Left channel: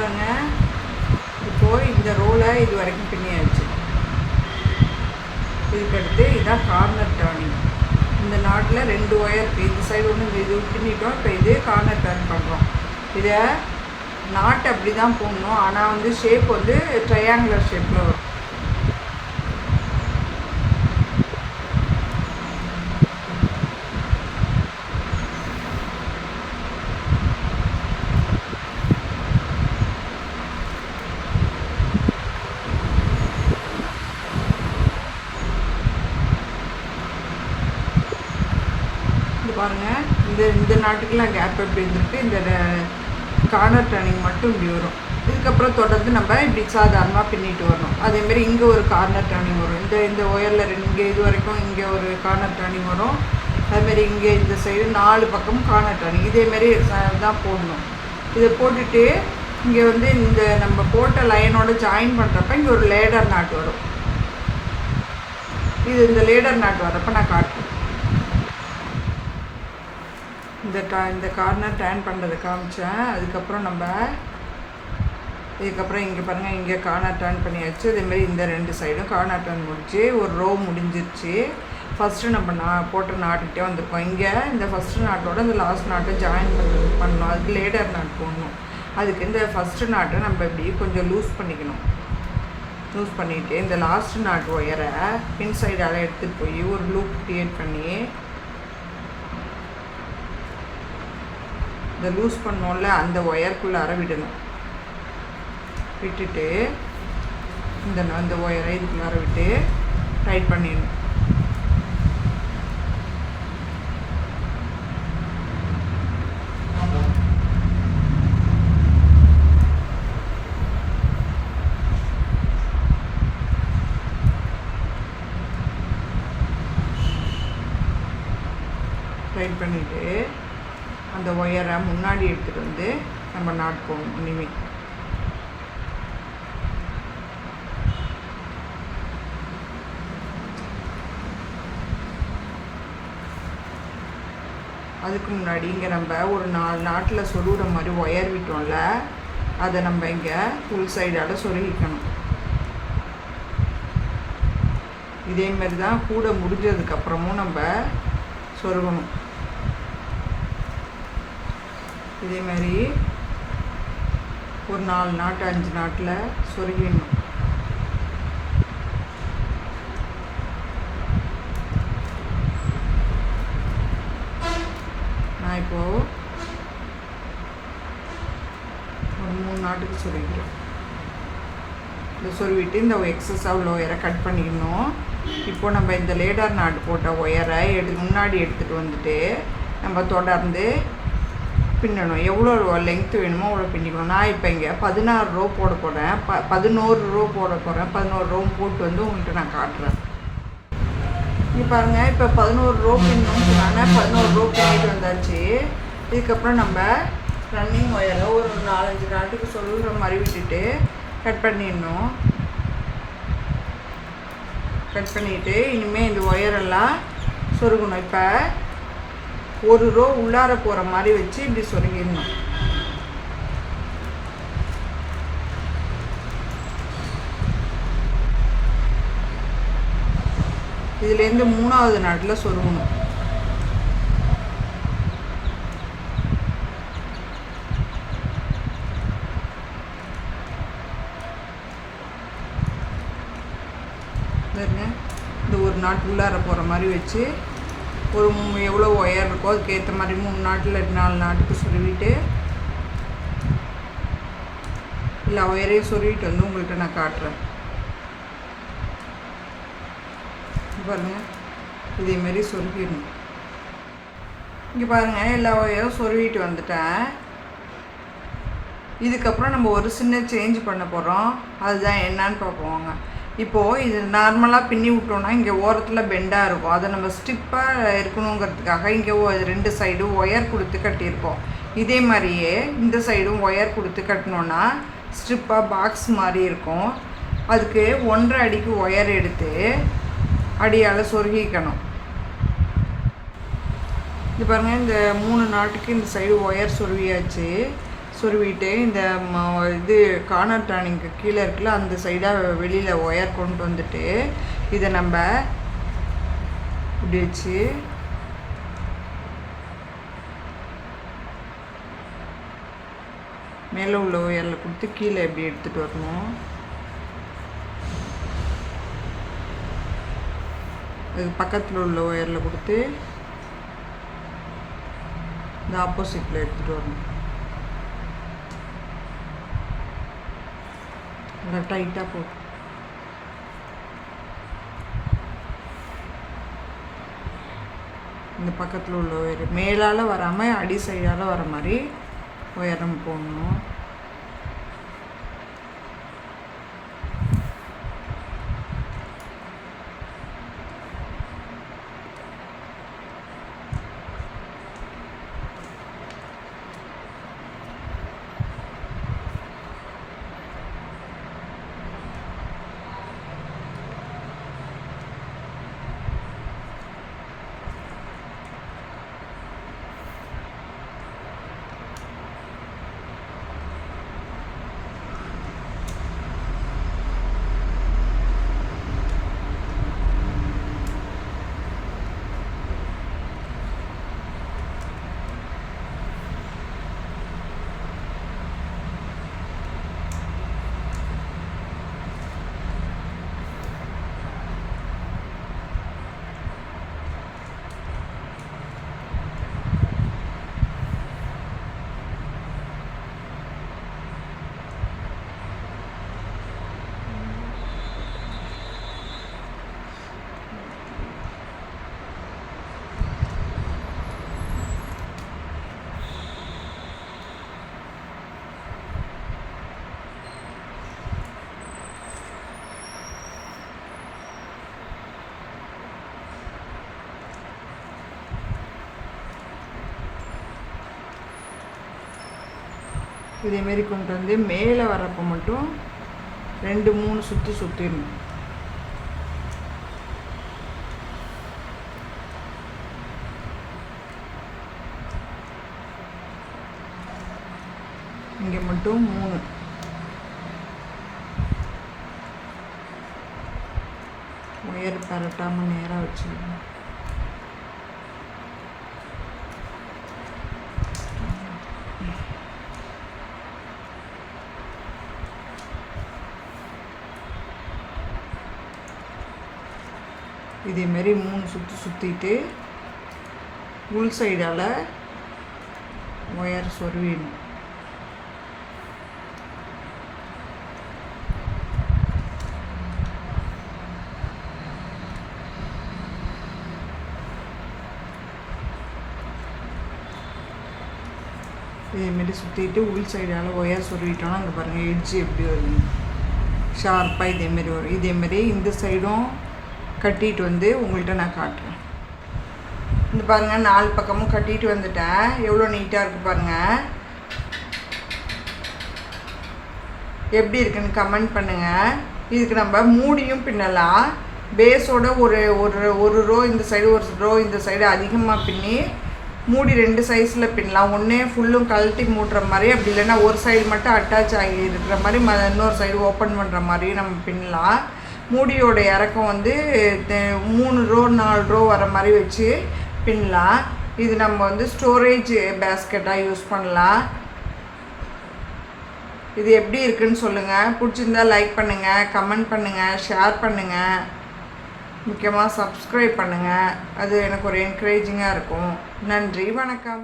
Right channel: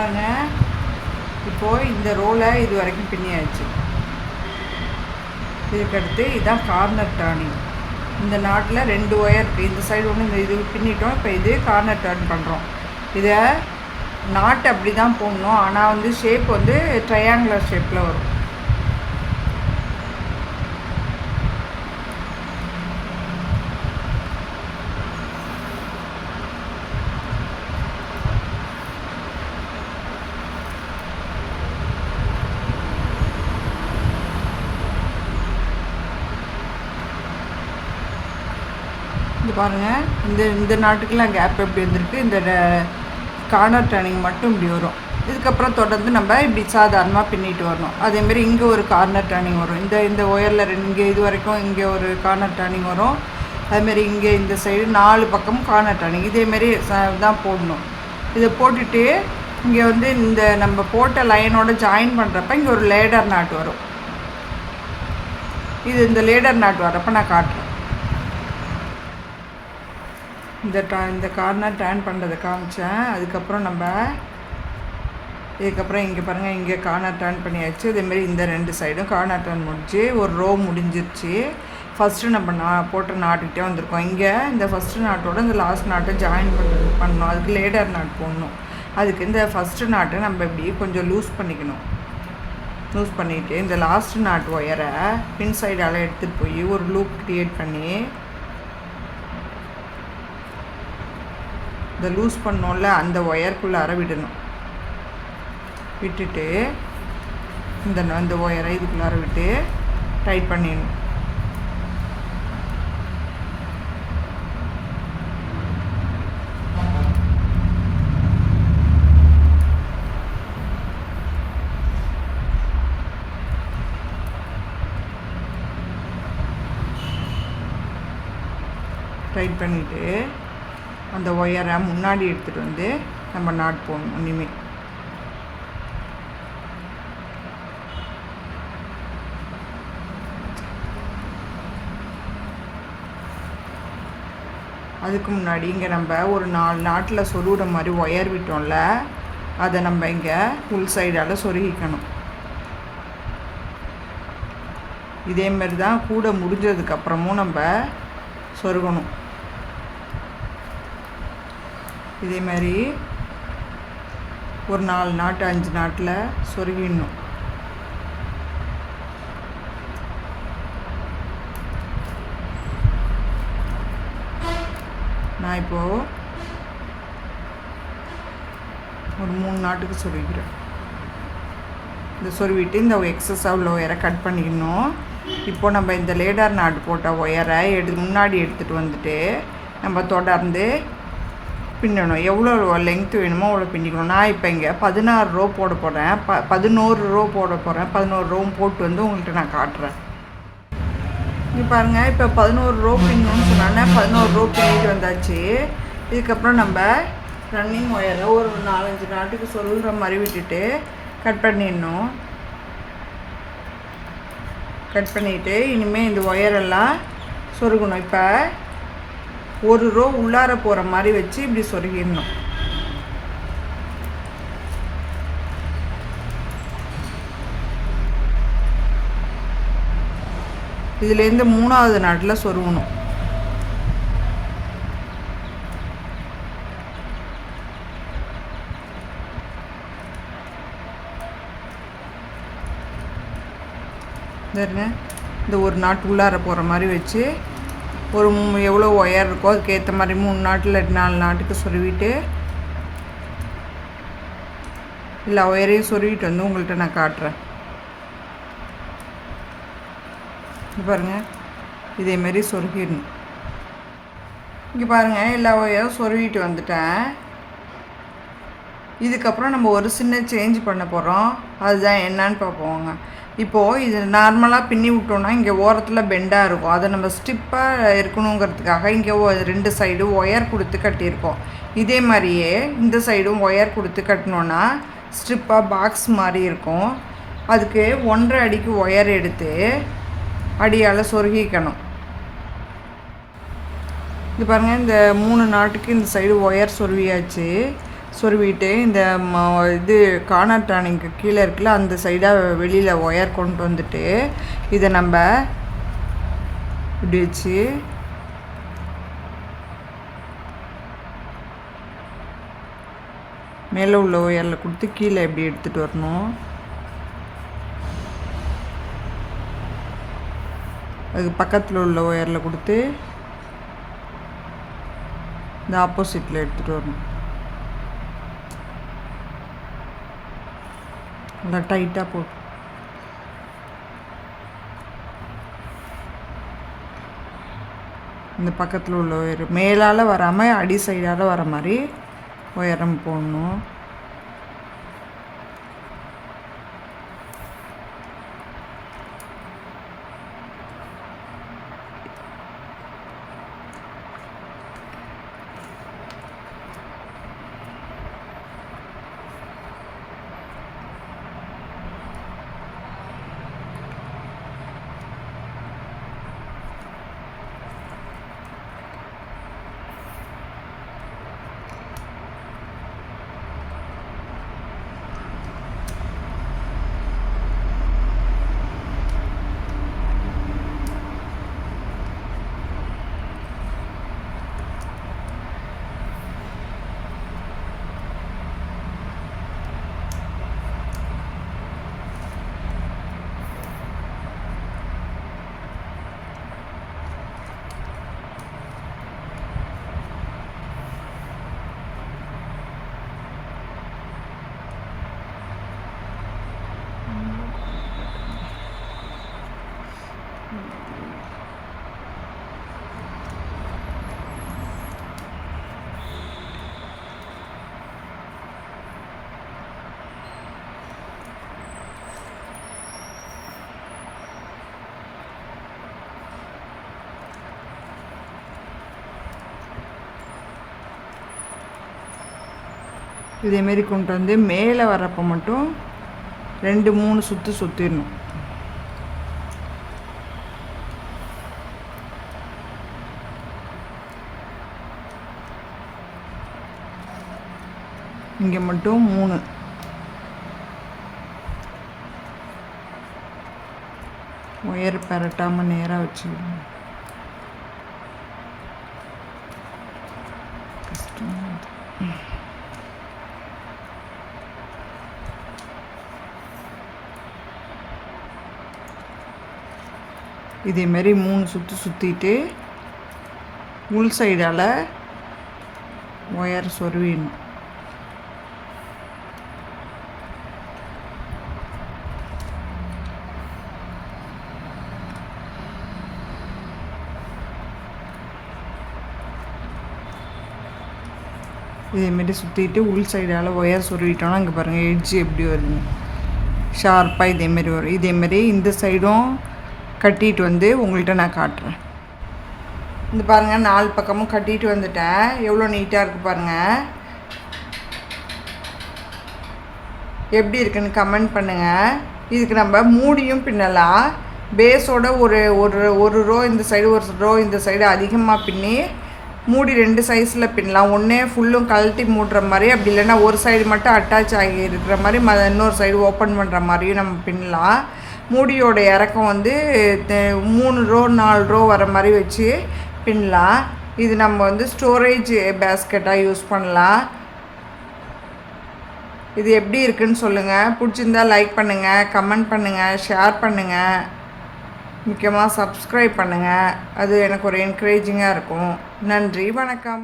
பாருங்கள், இப்போது இந்த ரோலை இது வரைக்கும் பின்னியாச்சு. இதுக்கடுத்து இதுதான் கார்னர் டர்னிங். இந்த நாட்டில் 2 ஒயர் இருக்குது. இந்த சைடு ஒன்று இது பின்னிட்டோம். இப்போ இது கார்னர் டர்ன் பண்ணுறோம். இதை நாட்டு அப்படி தான் போடணும். ஆனால் வந்து ஷேப் வந்து ட்ரையாங்குலர் ஷேப்பில் வரும். பாருங்கள், இந்த நாட்டுக்கெலாம் கேப் எப்படி இருந்திருக்கு. இந்த கார்னர் டர்னிங் மட்டும் இப்படி வரும். இதுக்கப்புறம் தொடர்ந்து நம்ம இப்படி சாதாரணமாக பின்னிட்டு வரணும். அதேமாரி இங்கே ஒரு கார்னர் டர்னிங் வரும். இந்த ஒயரில் இங்கே இது வரைக்கும் இங்கே ஒரு கார்னர் டர்னிங் வரும். அதுமாரி இங்கே இந்த சைடு 4 பக்கமும் கார்னர் டர்னிங் இதேமாரி தான் போடணும். இதை போட்டுட்டு இங்கே வந்து இந்த நம்ம போட்ட லைனோட ஜாயின் பண்ணுறப்ப இங்கே ஒரு லேடர் நாட் வரும். இந்த லேடர் நாட் வரப்போ நான் காட்டுறேன். இந்த கார்னர் டர்ன் பண்ணுறதை காமிச்சேன். அதுக்கப்புறம் இதுக்கப்புறம் இங்கே பாருங்கள், இங்கே கார்னர் டர்ன் பண்ணியாச்சு. இதேமாரி இந்த 2 சைடும் கார்னர் டர்ன் முடிச்சு ஒரு ரோ முடிஞ்சிருச்சு. ஃபஸ்ட்டு நம்ம போட்ட நாட்டுக்கிட்டே வந்திருக்கோம். இங்கே இந்த ஃபஸ்ட்டு நாட்டோட இந்த லாஸ்ட் நாட்டை ஜாயின் பண்ணணும். அதுக்கு லேடர் நாட் போடணும். அதுக்கு இந்த ஃபஸ்ட்டு நாட்டை நம்ம இப்படி கொஞ்சம் லூஸ் பண்ணிக்கணும். லூஸ் பண்ணிவிட்டு இந்த லாஸ்ட் நாட் ஒயரை பின் சைடால் எடுத்துகிட்டு போய் ஒரு லூப் க்ரியேட் பண்ணி இந்த லூஸ் பண்ணோம்ல அந்த ஒயருக்குள்ளார விடணும். விட்டுட்டு அந்த ஒயரை இதுக்குள்ளார விட்டு டைட் பண்ணிடணும். டைட் பண்ணிவிட்டு அந்த ஒயரை முன்னாடி எடுத்துகிட்டு வந்து நம்ம நாட் போடணும். இனிமேல் அதுக்கு முன்னாடி இங்கே நம்ம ஒரு 4 நாட்டில் சொருகிற மாதிரி ஒயர் விட்டோம்ல, அதை நம்ம இங்கே ஃபுல் சைடால் சொருகிக்கணும். இதேமாரி தான் கூட முடிஞ்சதுக்கப்புறமும் நம்ம சொருகணும். இதேமாரி ஒரு 4 நாட்டு 5 நாட்டில் சொருகிடணும். நான் இப்போது ஒரு 3 நாட்டுக்கு சொருகிறேன். இந்த சொருவிட்டு இந்த எக்ஸஸாக உள்ள ஒயரை கட் பண்ணிக்கணும். இப்போது நம்ம இந்த லேடர் நாட்டு போட்ட ஒயரை முன்னாடி எடுத்துகிட்டு வந்துட்டு நம்ம தொடர்ந்து பின்னணும். எவ்வளோ லெங்க்த்து வேணுமோ அவ்வளோ பின்னிக்கணும். நான் இப்போ இங்கே 16 ரோ போட போகிறேன். 11 ரோ போட போகிறேன். 11 ரோவும் போட்டு வந்து உங்கள்கிட்ட நான் காட்டுறேன். இங்கே பாருங்கள், இப்போ 11 ரோ பின்னணும்னு சொன்னாங்க. 11 ரோ பின்னிட்டு வந்தாச்சு. இதுக்கப்புறம் நம்ம ரன்னிங் ஒயரை ஒரு 4-5 நாட்டுக்கு சொல்கிற மாதிரி விட்டுட்டு கட் பண்ணிடணும். கட் பண்ணிவிட்டு இனிமேல் இந்த ஒயரெல்லாம் சொருகணும். இப்போ ஒரு ரோ உள்ளார போகிற மாதிரி வச்சு இப்படி சொருகிடணும். இதுலேருந்து 3வது நாட்டில் சொருகணும். இந்த ஒரு நாட்டு உள்ளார போகிற மாதிரி வச்சு ஒரு எவ்வளோ ஒயர் இருக்கோ அதுக்கேற்ற மாதிரி 3 நாட்டில் 4 நாட்டுக்கு சொருவிட்டு எல்லா ஒயரையும் சொருவிட்டு வந்து உங்கள்கிட்ட நான் காட்டுறேன். பாருங்கள், இதேமாரி சொருகிடணும். இங்கே பாருங்கள், எல்லா ஒயரும் சொருவிட்டு வந்துட்டேன். இதுக்கப்புறம் நம்ம ஒரு சின்ன சேஞ்ச் பண்ண போகிறோம். அதுதான் என்னன்னு பார்ப்போங்க. இப்போது இது நார்மலாக பின்னி விட்டோன்னா இங்கே ஓரத்தில் பெண்டாக இருக்கும். அதை நம்ம ஸ்டிப்பாக இருக்கணுங்கிறதுக்காக இங்கே 2 சைடும் ஒயர் கொடுத்து கட்டியிருக்கோம். இதே மாதிரியே இந்த சைடும் ஒயர் கொடுத்து கட்டினோன்னா ஸ்ட்ரிப்பாக பாக்ஸ் மாதிரி இருக்கும். அதுக்கு 1.5 அடிக்கு ஒயர் எடுத்து அடியால் சொருகிக்கணும். இது பாருங்கள், இந்த 3 நாட்டுக்கு இந்த சைடு ஒயர் சொருவியாச்சு. சொருவிட்டு இந்த இது கார்னர் டர்னிங்க்கு கீழே இருக்குல்ல அந்த சைடாக வெளியில் ஒயர் கொண்டு வந்துட்டு இதை நம்ம இப்படி வச்சு மேலே உள்ள ஒயரில் கொடுத்து கீழே எப்படி எடுத்துகிட்டு வரணும். அது பக்கத்தில் உள்ள ஒயரில் கொடுத்து இந்த ஆப்போசிட்டில் எடுத்துகிட்டு வரணும். நல்லா டைட்டாக போ. இந்த பக்கத்தில் உள்ள ஒயர் மேலால் வராமல் அடி சைடால் வர மாதிரி உயரம் போடணும். இதேமாரி கொண்டு வந்து மேலே வரப்போ மட்டும் 2-3 சுற்று சுற்றிடணும். இங்கே மட்டும் 3. ஒயர் பரட்டாமல் நேராக வச்சுக்கணும். இதேமாரி 3 சுற்று சுற்றிட்டு உள் சைடால் ஒயர் சொருவிடணும். இதேமாரி சுற்றிட்டு உள் சைடால் ஒயர் சொருவிட்டோன்னா இங்கே பாருங்கள் எட்ஜு எப்படி வருது ஷார்ப்பாக இதேமாரி வரும். இதேமாரி இந்த சைடும் கட்டிட்டு வந்து உங்கள்கிட்ட நான் காட்டுறேன். இந்த பாருங்கள் 4 பக்கமும் கட்டிட்டு வந்துட்டேன். எவ்வளோ நீட்டாக இருக்குது பாருங்கள். எப்படி இருக்குன்னு கமெண்ட் பண்ணுங்கள். இதுக்கு நம்ம மூடியும் பின்னலாம். பேஸோட ஒரு ரோ இந்த சைடு ஒரு ரோ இந்த சைடு அதிகமாக பின்னி மூடி 2 சைஸில் பின்னலாம். ஒன்றே ஃபுல்லும் கழட்டி மூடுற மாதிரி, அப்படி இல்லைன்னா ஒரு சைடு மட்டும் அட்டாச் ஆகி இருக்கிற மாதிரி இன்னொரு சைடு ஓப்பன் பண்ணுற மாதிரியும் நம்ம பின்னலாம். மூடியோட இறக்கம் வந்து 3 ரோ 4 ரோ வர மாதிரி வச்சு பின்னலாம். இது நம்ம வந்து ஸ்டோரேஜ் பேஸ்கெட்டாக யூஸ் பண்ணலாம். இது எப்படி இருக்குன்னு சொல்லுங்கள். பிடிச்சிருந்தா லைக் பண்ணுங்கள், கமெண்ட் பண்ணுங்கள், ஷேர் பண்ணுங்கள், முக்கியமாக சப்ஸ்கிரைப் பண்ணுங்கள். அது எனக்கு ஒரு என்கரேஜிங்காக இருக்கும். நன்றி, வணக்கம்.